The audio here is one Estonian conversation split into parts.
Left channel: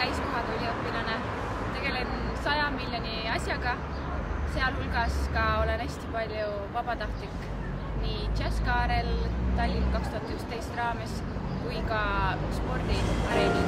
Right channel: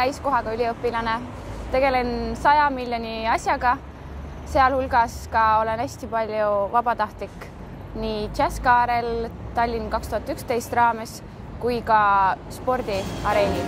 täiskohaga üliõpilane. Tegelen 100 miljoni asjaga, sealhulgas ka olen hästi palju vabatahtlik nii Jazzkaarel Tallinn 2011 raames kui ka spordiareenil.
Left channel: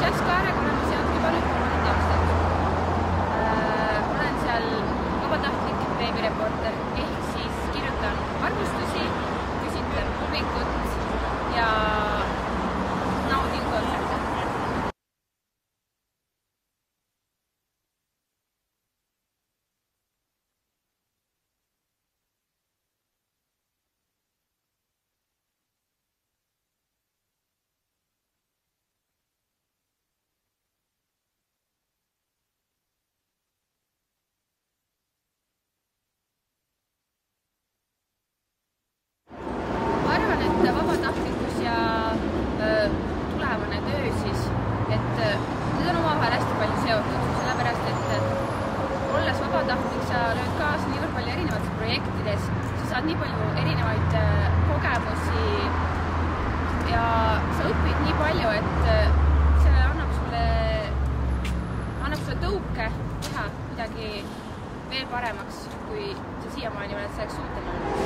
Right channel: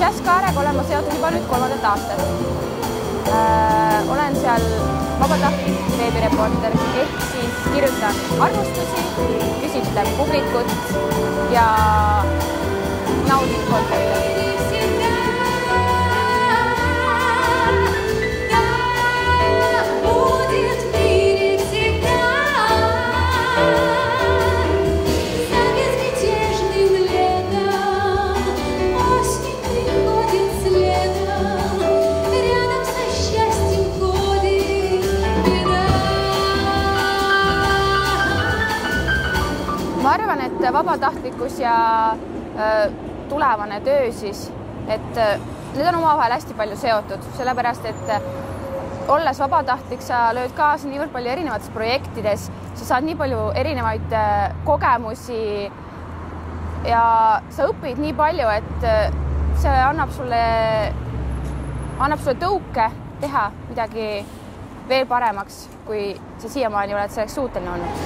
Jazzkaarega olen ma seotud juba nüüd 3. aastat. Olen seal vabatahtlik veebireporter ehk siis kirjutan arvustusi, küsitlen publikut ja naudin kontserte. Ma arvan, et vabatahtlikkus ja tulevane töö siis, et need on omavahel hästi palju seotud, sellepärast et olles vabatahtlik, sa lööd kaasa niivõrd palju erinevates projektides, sa saad nii palju erinevaid kogemusi ja sa õpid nii palju, et see annab sulle tõuke teha midagi veel paremaks, kui sa siiamaani oled selleks suuteline olnud.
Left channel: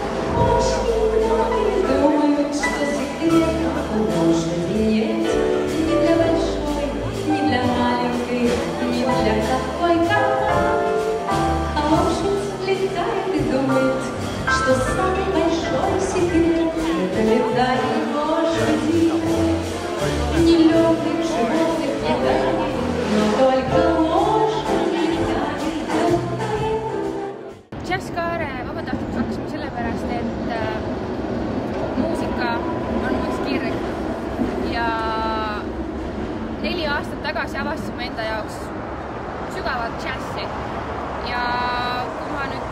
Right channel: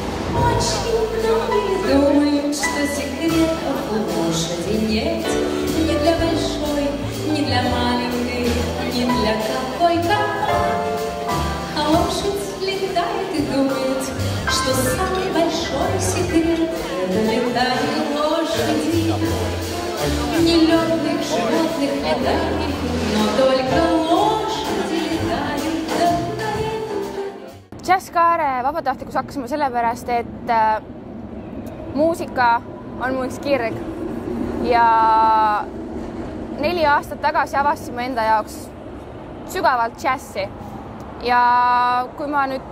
Jazzkaare vabatahtlikuks hakkasime sellepärast, et muusika on mu üks kirg ja 4 aastat tagasi avastasime enda jaoks sügavalt džässi ja kui ma nüüd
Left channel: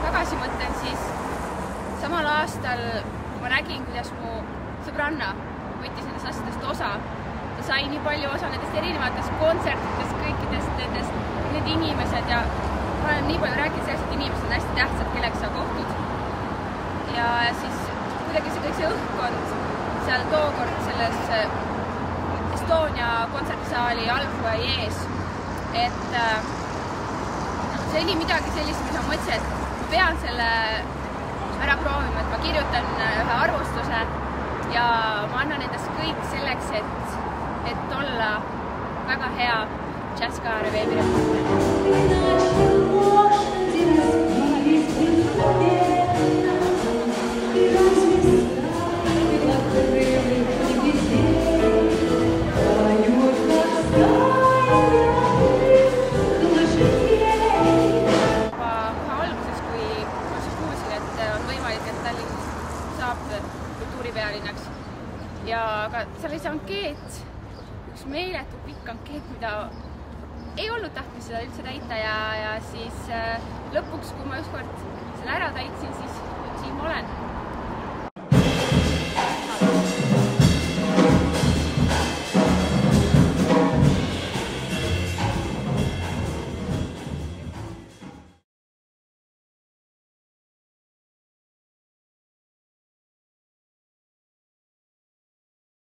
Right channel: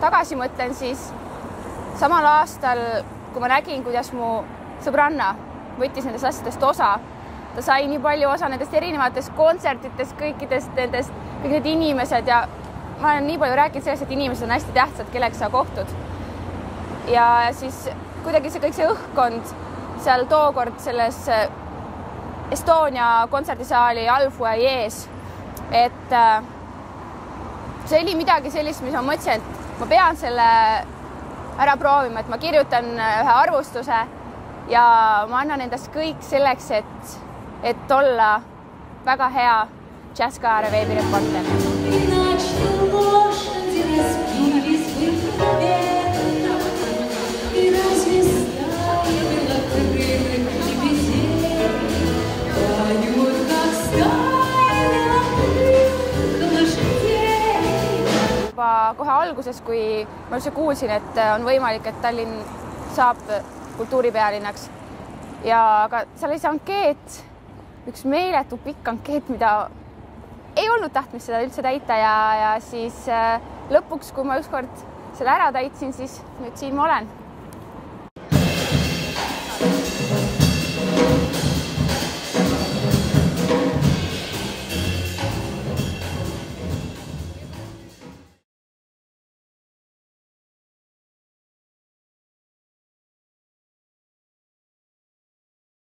tagasi mõtlen, siis samal aastal, kui ma nägin, kuidas mu sõbranna võttis nendest asjadest osa, ta sai nii palju osa nendest erinevatest kontsertidest, kõikidest nendest, kõik need inimesed ja ma olen nii palju rääkinud sellest, et inimesed on hästi tähtsad, kellega sa kohtud. Ja siis kuidagi see kõik see õhkkond seal tookord selles Estonia kontserdisaali allfuajees, et see oli midagi sellist, mis ma mõtlesin, et ma pean selle ära proovima, et ma kirjutan ühe arvustuse ja ma annan endast kõik selleks, et olla väga hea Jazzkaare veebireporter. Kohe alguses, kui ma üldse kuulsin, et on võimalik, et Tallinn saab kultuuripealinnaks ja aga seal oli see ankeet, üks meeletu pikk ankeet, mida ei olnud tahtnud seda üldse täita ja siis lõpuks, kui ma ükskord selle ära täitsin, siis nüüd siin ma olen.